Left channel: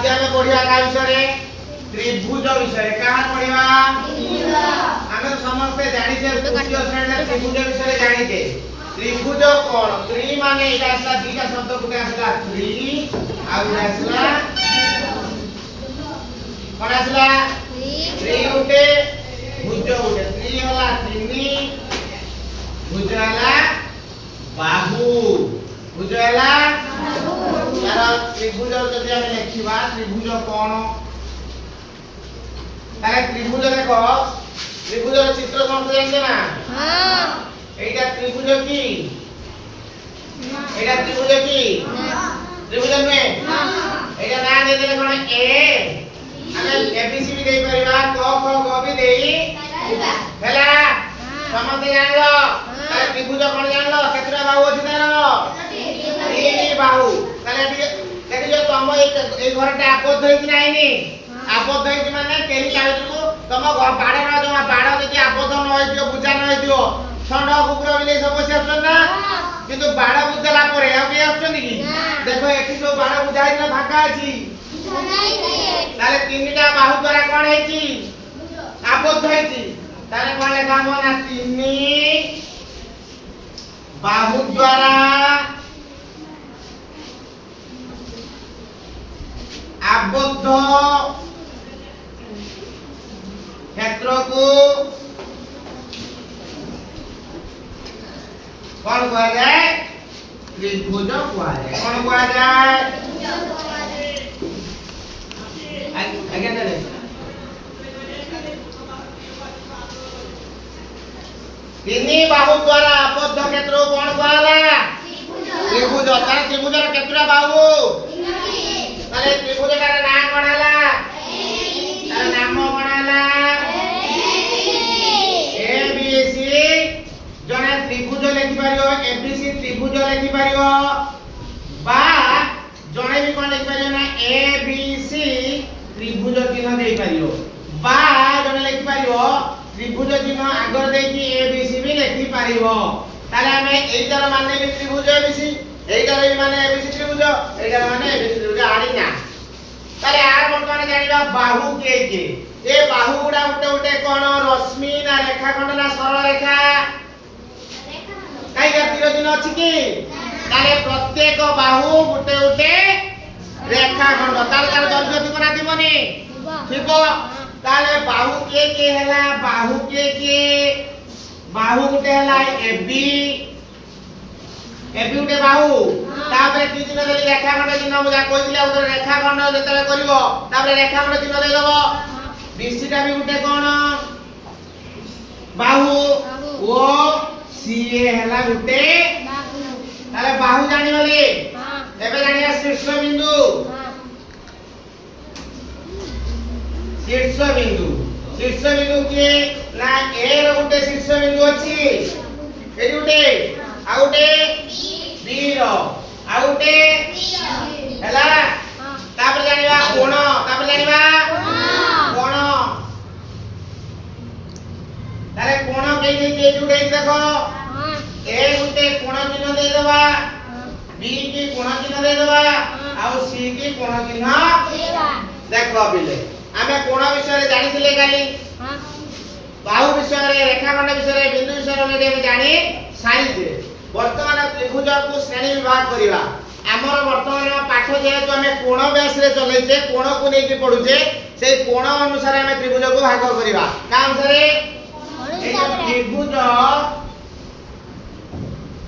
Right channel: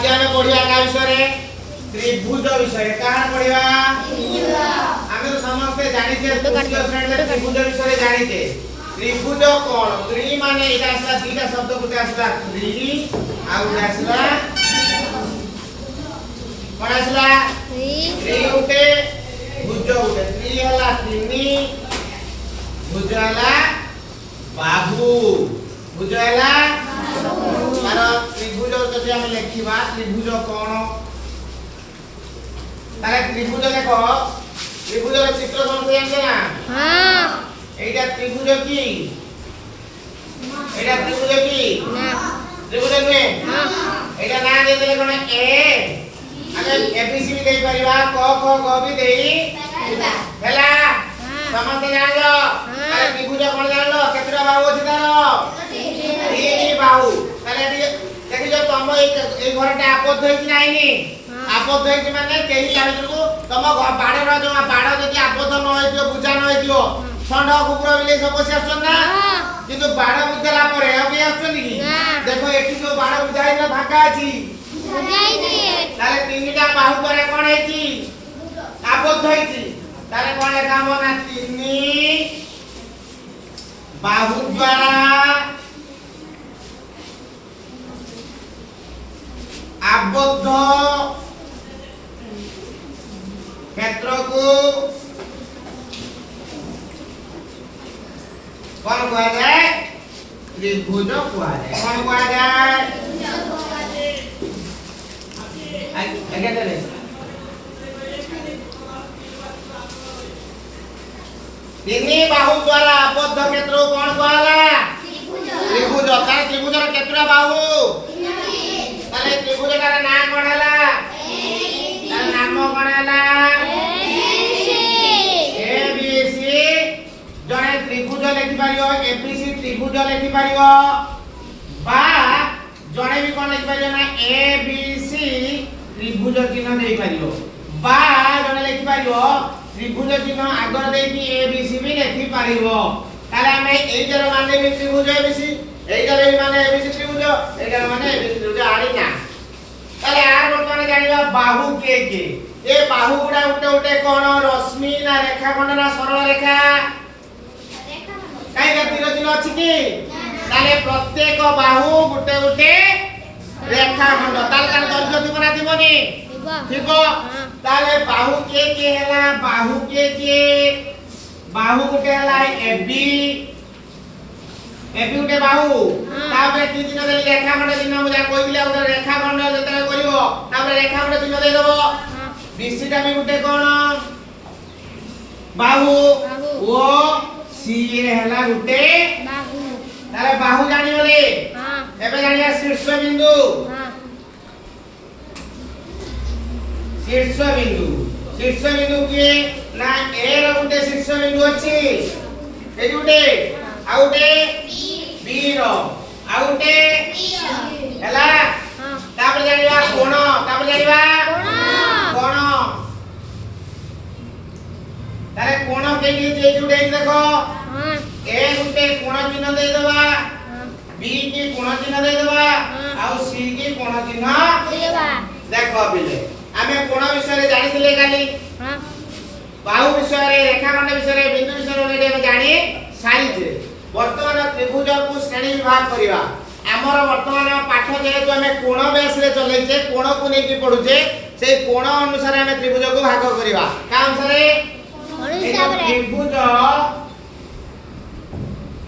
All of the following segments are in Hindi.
आज हमें पढ़िया का विषय त्रिभुज विषय कहां पढ़िया आमे तो समस्त जानि जे तृतीय श्रेणी त्रिभुज विषय जानि जे त्रिभुज कोण त्रि माने एटा असला दीटा शब्द गुटे असला त्रि आ गुटे असला कोण असला त्रि गुटे भुज गुटे त्रि हला तिनि भुज हला बाहु भुज हला तार त्रिभुज जदि हम लिखिबा त्रिभुज कोण ताले त्रिभुज देखो त्रिभुज चित्र कोन से जानते ना हां एटा त्रिभुज की एटा त्रिभुज की त्रिभुज में एटा ना दे दे कोन ए ଆମେ एबीसी भी देई परिबा क ख ग भी देई ହେଲା ସମସ୍ତେ ଜାଣିଲ ତାଲେ त्रिभुज कोन जानलो केतरा बाहु अछि तार तीन बाहु ताले देखि जो तुम ए घरटा आबद्ध होई कि नाइनी आबद्ध होई माने केही कालकु तुम बाड़ न जो बाड़ जदि आबद्ध न होई दियो बुझा न होई दियो षंड कुकुर बिले सब बसी आछन ना किंतु बाड़ बुझला परे आ के आछन की देखो एठी जो बाड़ बुझाई न फाका अछि ताले तीनटा बाहु द्वारा कोन हेची आबद्ध होईची ताले कोन लेखा मना तीन बाहु द्वारा आबद्ध क्षेत्र को कौन कहा जाए त्रिभुज कहा जाए कौन कहा जाए आगे चले तीन बाहु द्वारा आबद्ध क्षेत्र को कौन कहला त्रिभुज तारे त्रिभुज रा केतरा बाहु ताले त्रिभुज का नाम कोन हला तार नाम कोन हला एबीसी जने त्रिभुज लिखि पारियो एबीसी त्रिभुज लिखि पारियो बा जने भी कोन लिखि पारियो ना एबीसी त्रिभुज चिन्ह देई पारियो बा जने लिखि पारियो त्रिभुज चिन्ह आगर देई कि एबीसी भी लिखि पारियो ताले हमें एइटर माने भी त्रिभुज एबीसी एइटर भी माने एबीसी त्रिभुज एइटर माने एबीसी त्रिभुज आड़ी ना ताले आर वर्तमान जानिबा बाहु के ए बाहु गुडा उटे उटे कोन रश्मि ना रेखा खंड ना सरल रेखा काई का तीर दिन अछि की ताले प्रत्येक बाहु गुटे उटे रेखा खंड ताले तार दर्घ्य थिबो ना थिबोनी थिबो ताले बाहु के हैला बाहु के बाहु गुटे हैला एबी एबी गुटे बाहु तापरे तीन दिन देली रेखा खंड चिन्ह मुजा कोइ दिला उधर रेखा खंड जतले करिवो तापरे रेखा खंड चिन्ह देई दबो बीसी टा भी गुटे कोन बाहु ओ सी हैला गुटे बाहु ताले बाहु जानि होले हां एबे जानिया शीर्ष बिंदु शीर्ष बिंदु के ना ए रो गुटे शीर्ष बिंदु अछि एडी गुटे आ गुटे बी रो आ गुटे हैला तापर जानिबा कोण तापर जानिबा कोण तारे कोण के जे जुडे देखो ए गुटे कोण चिन्ह दे दबा बी की कोण चिन्ह दे दबा आ सी की कोण चिन्ह देबा देखो बिले आमे कोण विषय रे जानिथिले काली बाहु विषय रे रेखा खंड विषय रे बिंदु विषय रे हम जानि साइज वर्तमान त्रिभुज को श्रेणी विभाग करिवा हमर वर्तमान पाठ जेहेतु हमें कोण बेस रे चलैछे कोण को नै कि पढुछे से कोण अनुसार हमें त्रिभुज को भाग करिवा का अनुसार ए त्रिभुज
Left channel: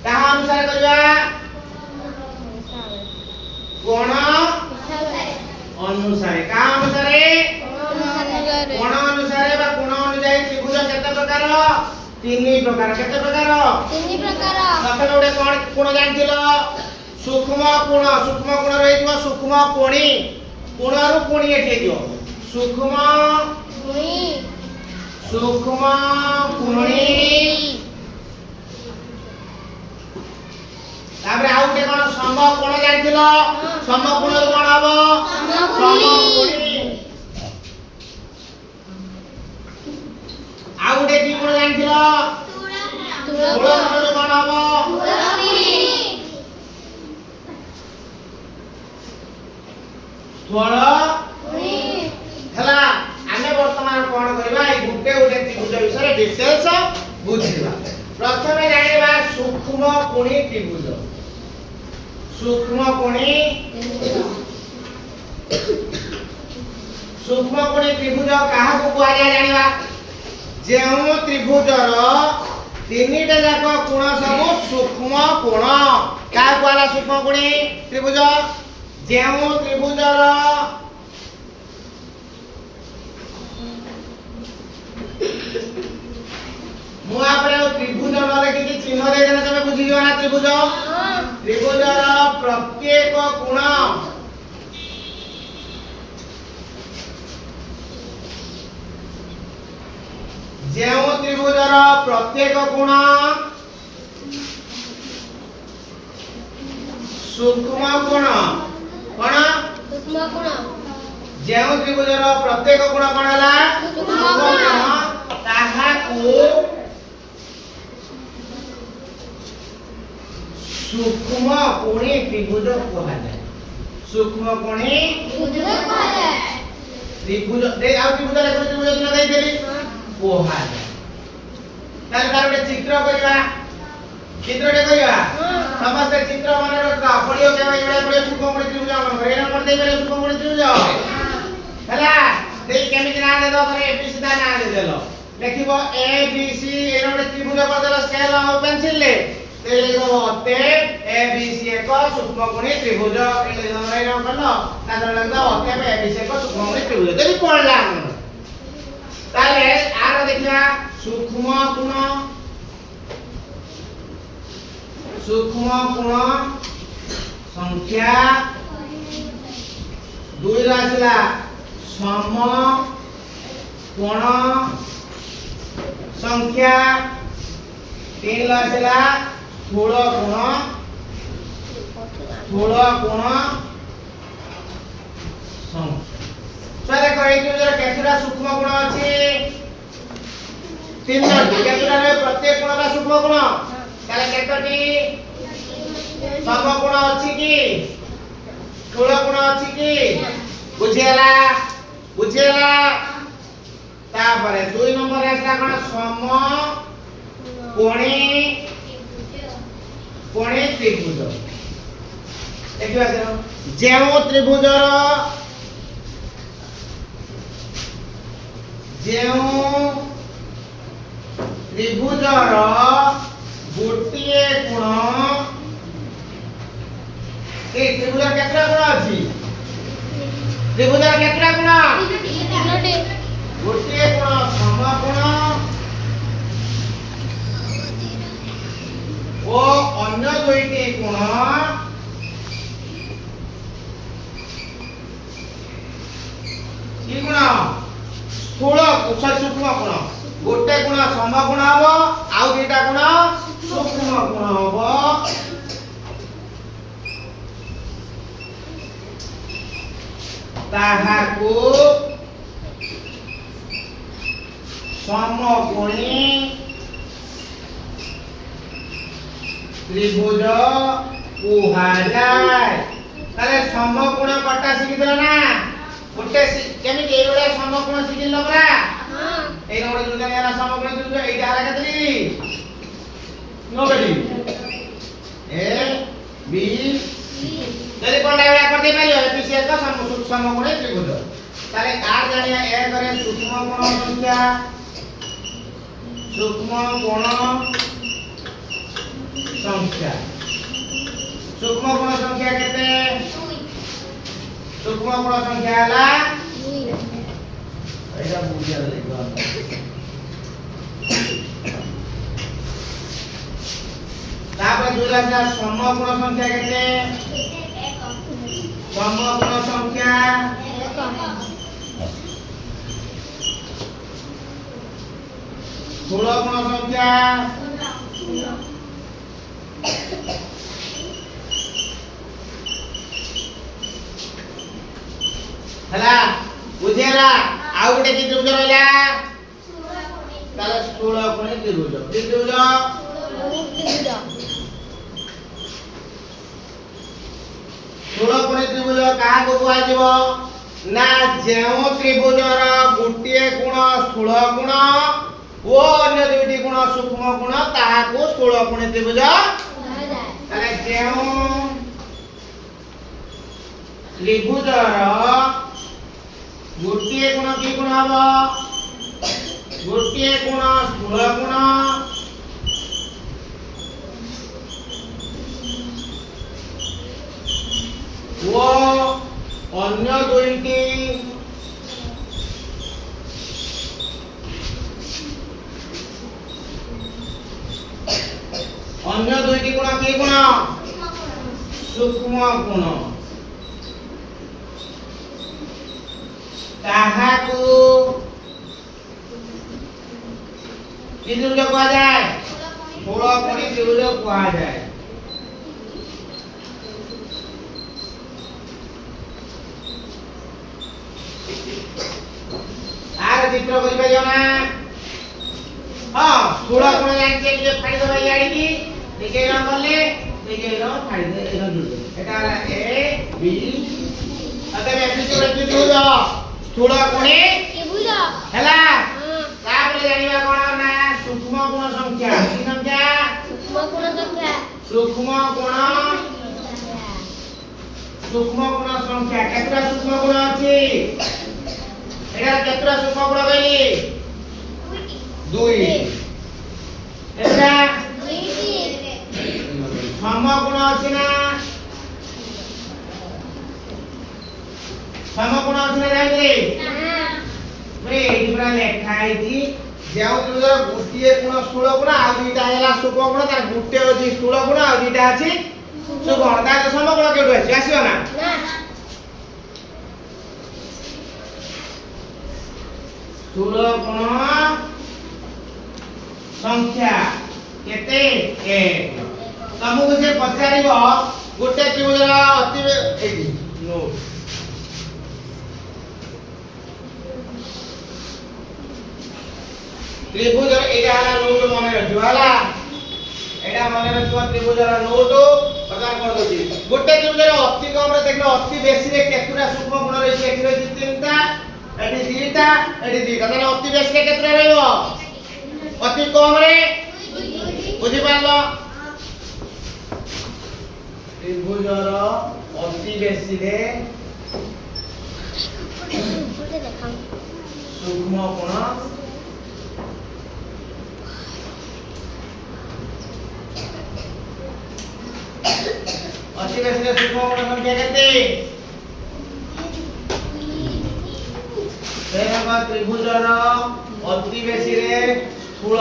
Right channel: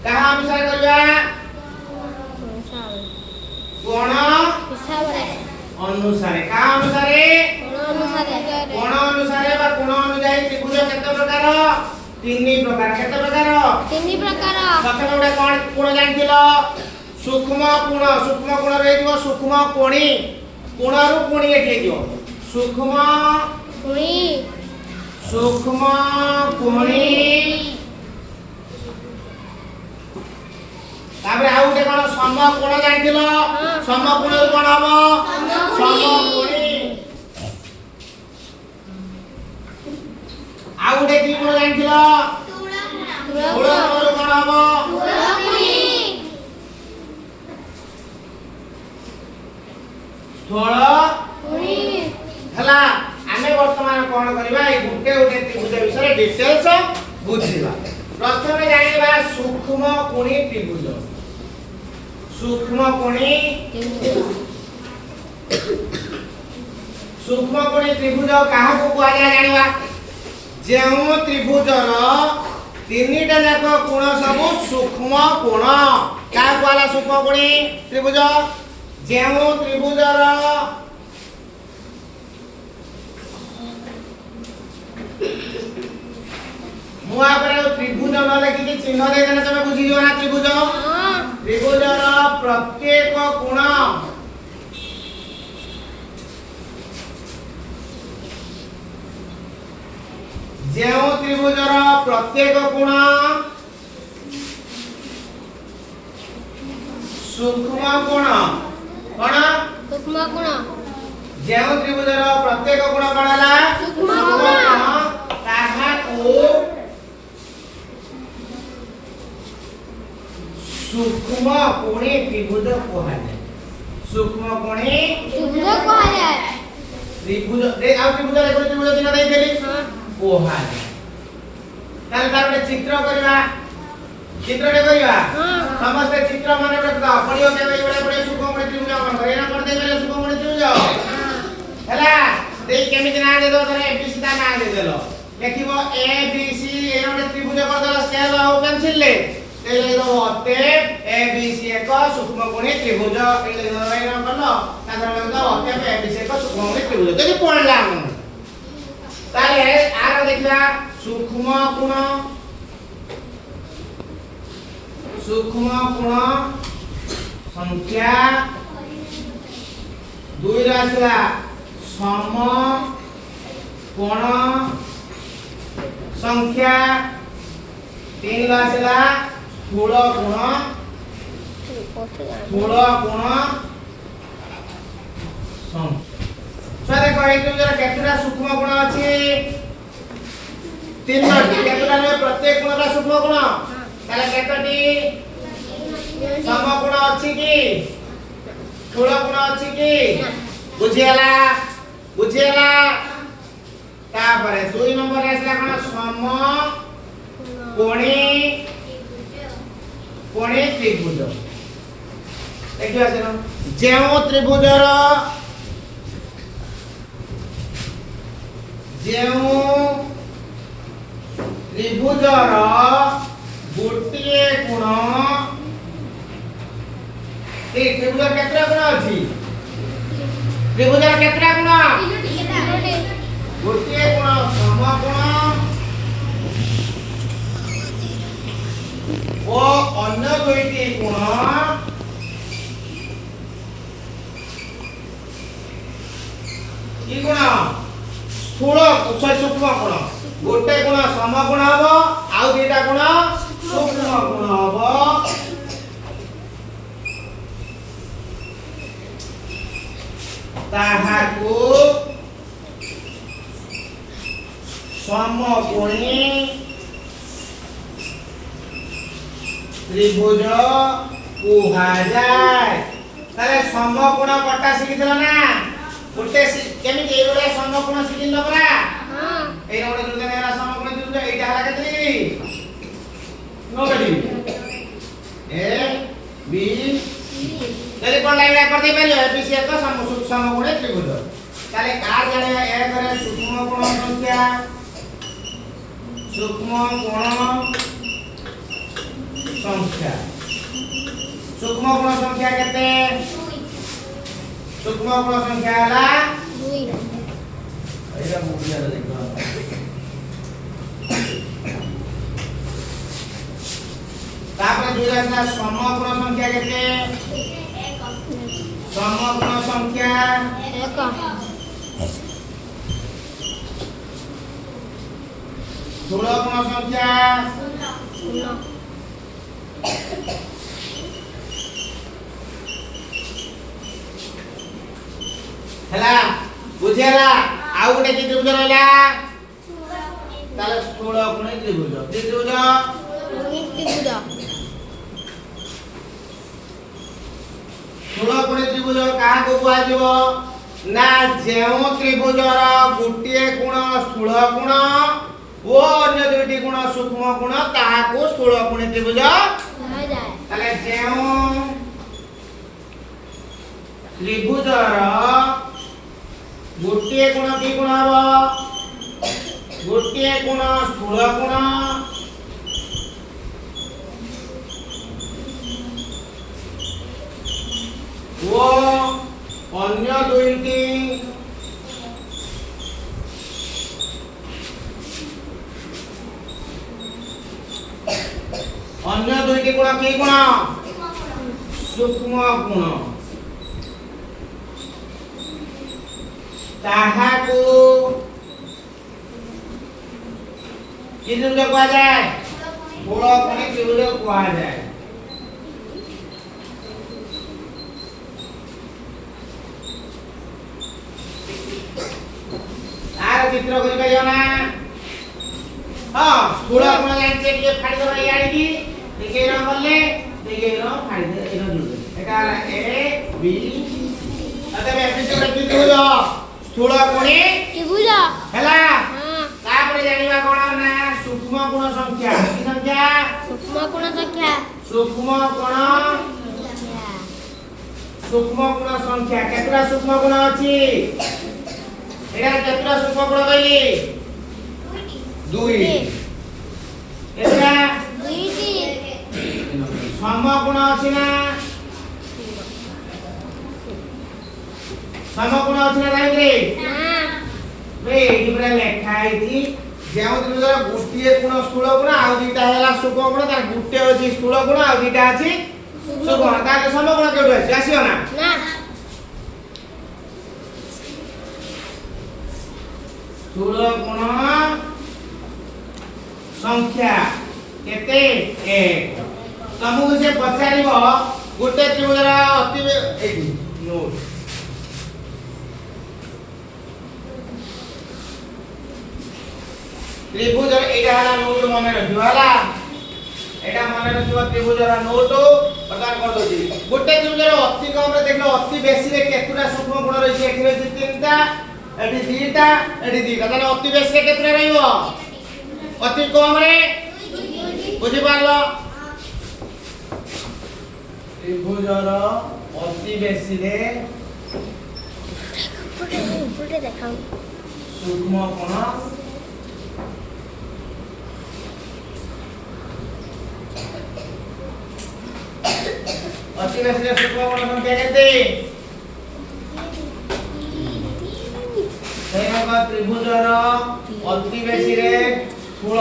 कहा अनुसार करिवा कोण अनुसार का अनुसार कोण अनुसार बा कोण अनुसार त्रिभुज केते प्रकार तीन प्रकार केते प्रकार तीन प्रकार प्रथम गोटे कोण कोण जानथिलो सूक्ष्म कोण रहिदियो सूक्ष्म कोणी कोणरु कोणी एठी दियो सूक्ष्म कोणी तापर आउ गोटे कोन सम कोण जानथिलो सम कोण कोन हबो सम कोणी आउ गोटे बी कोण जानथिलो स्थूल कोण कोन हबो 16 हला आमे वर्तमान कोन करबा ए गुटे गुटे त्रिभुज विषय डिटेल्स बुझिबा प्रथमे जानिबा सूक्ष्म कोणी त्रिभुज सूक्ष्म कोणी त्रिभुज काहा को कुआ जाय जानिबा जेउ त्रिभुजर तीनटा जाक कोण सब सूक्ष्म कोण का कुआला सूक्ष्म कोणी त्रिभुज जेउ त्रिभुजर मुआ पर त्रिभुज न लेखि कि चिन्ह दे देना तमे बुझी जो ना त्रिभुज त्रिभुजर प्रत्येक कोण जेउ त्रिभुजर प्रत्येक कोण सूक्ष्म कोण कोण सूक्ष्म कोण जेउ त्रिभुजर प्रत्येक कोण कोणला सूक्ष्म कोण ताहा को सूक्ष्म कोणी त्रिभुज कहले सूक्ष्म कोणी त्रिभुज कहले त्रिभुज दे आ त्रिभुज देखो त्रिभुज दिन दे देली कहले ताल तार एक चित्र करबा चित्रटे करबा समस्त चित्र मन रखता पडियो केबे बडे बडे सूक्ष्म कोणी त्रिभुज मन करे ना कर दे मेरे सूक्ष्म कोणी त्रिभुज हला दे केमिति ना दे दो करे एबीसी दा ना दे देलो लिखिबो ए बी सी एनोटे त्रिभुज कर देलो स्केल और पेंसिल ले ते लेखो अते ए बी सी एक सूक्ष्म कोणी त्रिभुज ए लेखो राइनो करलो तादर लेखो अते ए बी सी एक सूक्ष्म कोणी त्रिभुज देली पडला ताले आर देखला सूक्ष्म कोण संख्या दुई रासला सम कोण संख्या तीन रासला स्थूल कोण संख्या देखो ए त्रिभुजर केतुरा सूक्ष्म कोण अछि तीनटी केतुरा रे प्रत्येक कोणरा सूक्ष्म कोण ताले केतटी सम कोण अछि कि स्थूल कोण अछि कि बुझियला तापरे 2 नंबर आसला कोन सम कोणी त्रिभुज देखिबा सर जेउ त्रिभुजर गोटिए कोण ए त्रिभुजर केतरा कोण अछि त्रिभुजर केतरा कोण गोटिए कोण सम कोण ओ अन्य दुईटी कोण की कोण स्थूल सूक्ष्म कोण गोटे कोण सम कोण हबो आउ दुईटा कोण सूक्ष्म कोण हबो ताहाको समकोणी त्रिभुज कुहाजाय ताले समकोण कटा शिखितला ना गोटे केमिति ए बडा समकोण शिखिल परा हां ए रोड जुन नेरा समकोण जुन ए डाला केतली नो बेटी ए बी ताले कोन डायग्राम कर दे पालियो ए बी सी का समकोण त्रिभुज ताले कार जानिया ए करे सूक्ष्म कोण संख्या सूक्ष्म कोण संख्या केते सूक्ष्म कोण संख्या हला 2 एटा बुझिया देखो तापर दुईटा सम कोण संख्या केते सम कोण संख्या 1 स्थूल कोण संख्या हला बुझेला आउ गुटे कि त्रिभुज रहला ताले स्थूल कोणी त्रिभुज त्रिभुज स्थूल स्थूल कोण त्रिभुज का को कुआ जीवो ना जेउ त्रिभुजर गुटिए गुण स्थूल गुण ओ अन्य दुईटी गुण सूक्ष्म गुण ताहा को स्थूल कोण त्रिभुज कहा जाय ताले जेउ त्रिभुजर गुटिए गुण की गुण हबो गुटिए गुण स्थूल गुण वो अन्य दुईटी गुण की गुण सूक्ष्म गुण ताहाकू कि त्रिभुज कहा जाए स्थूल कोणी त्रिभुज कहा जाए आर चित्र करि पाइयो ना हां स्थूल कोण जानिते के फाड़ी दबा याडी की देखै न बोले देखै न फाड़ी दे एनो जुड़ एटा ए बी अते में एपिसोड की त्रिभुज स्थूल कोणी त्रिभुज हैला तापर जानिबा कोन ना सूक्ष्म गुण संख्या की संख्या सूक्ष्म गुण संख्या केतरा सूक्ष्म गुण अछि एटा केतरा सूक्ष्म गुण कहली 2 एटा 2 सम गुण अछि ना सम गुण अछि ना राइट रे रे एडी पुरा लेखा आइती जेउ त्रिभुजर गुटिए गुण स्थूल गुण आ दुईटा हैला सूक्ष्म गुण तार गुटे अछि स्थूल गुण आ दुईटा अछि सूक्ष्म गुण तार सम गुण केउ अछि आसीओ ना स्थूल गुण संख्या केते 1 तमु से पचारिबो गुटे त्रिभुजर अति एडी नोट त्रिभुजर एटा हला नोट मने रखियो हला एटा मने रखियो त्रिभुजर नोट प्रकार कर दोची गुटे त्रिभुजर अति कम रे देखलो अति बेसी रे केतुरा सूक्ष्म गुण रहिছে एठी रहिছে तीनटा एठी दुईटा एठी दुईटा ताने अति बेसी रे केतुरा रहइबो अति कम रे बुझि पारलो त्रिभुजर अति बेसी रे फुटे देखाऊ सूक्ष्म गुण अति बेसी रे सूक्ष्म गुण संख्या केते सेना त्रिभुजर अति बेसी रे स्थूल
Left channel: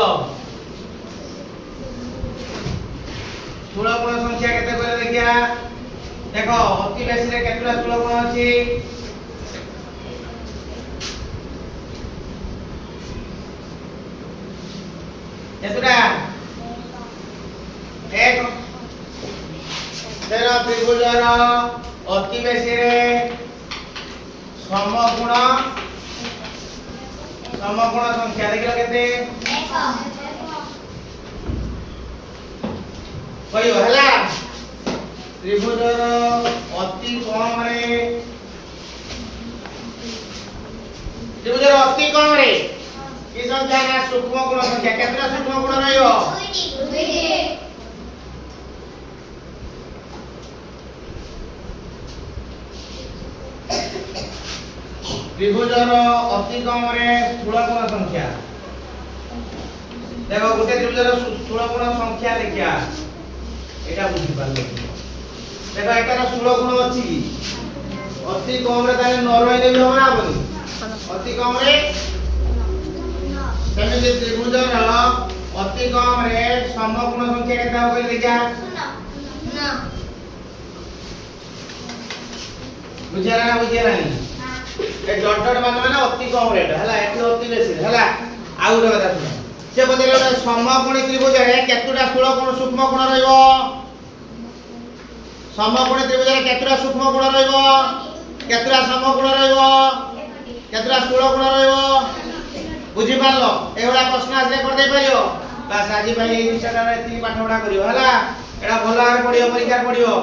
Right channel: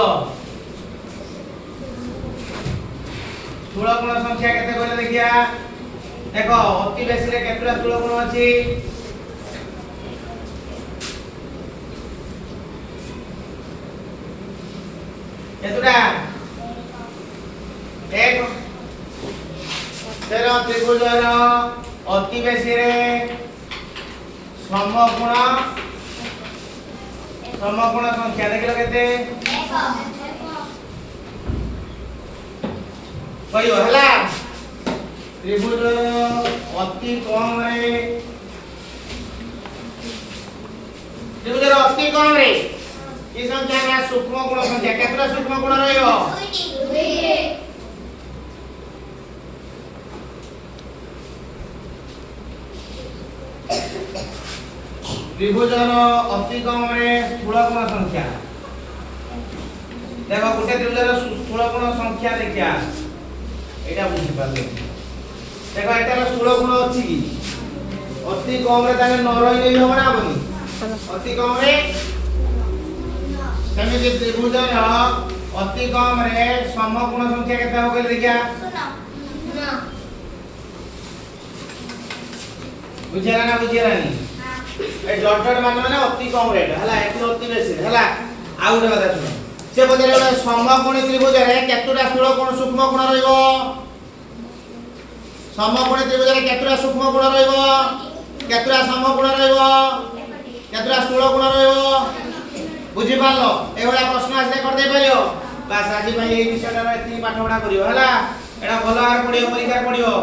गुण संख्या केते कहले देखिया देखो अति बेसी रे केतरा स्थूल गुण अछि केतरा एक तेरा त्रिभुजर अति बेसी रे सम गुण संख्या देखिला केते 1 कहियो हला त्रिभुजर अति कम रे त्रिभुजर अति कम रे की संख्या ना सूक्ष्म गुण संख्या केतरा सूक्ष्म गुण रहइबो 2 त्रिभुजर अति कम रे स्थूल गुण संख्या देखो गुटे त्रिभुजर स्थूल गुण संख्या देखिया एटा बुझि पाले देखो एटार स्थूल गुण अछि की अति कम रे ताने न रहि नै हो ना बनी अति कम रे सेमि जे त्रिभुजर अति कम रे सम गुण संख्या केते हो कहले देखिया बुझिया ना बुझिया नहीं ए डॉट डॉट माने अति कम रेट हला एठी अति बेसी हला आउ रे कथा सुन से बदले ओटा समकोणी त्रिभुज रे केतुटा स्थूल कोण सूक्ष्म कोण रहइबो समकोणी त्रिभुज रे केतुटा सूक्ष्म कोण रहइबो केतुटा समकोण रहइबो केतुटा स्थूल कोण रहइबो बुझि पारलो एवला प्रश्न आसे कर दे परियो बस आज भाई ए विषय रे ती पाठ पढा करियो हला एडा भलो आर पढियो परीक्षा पढियो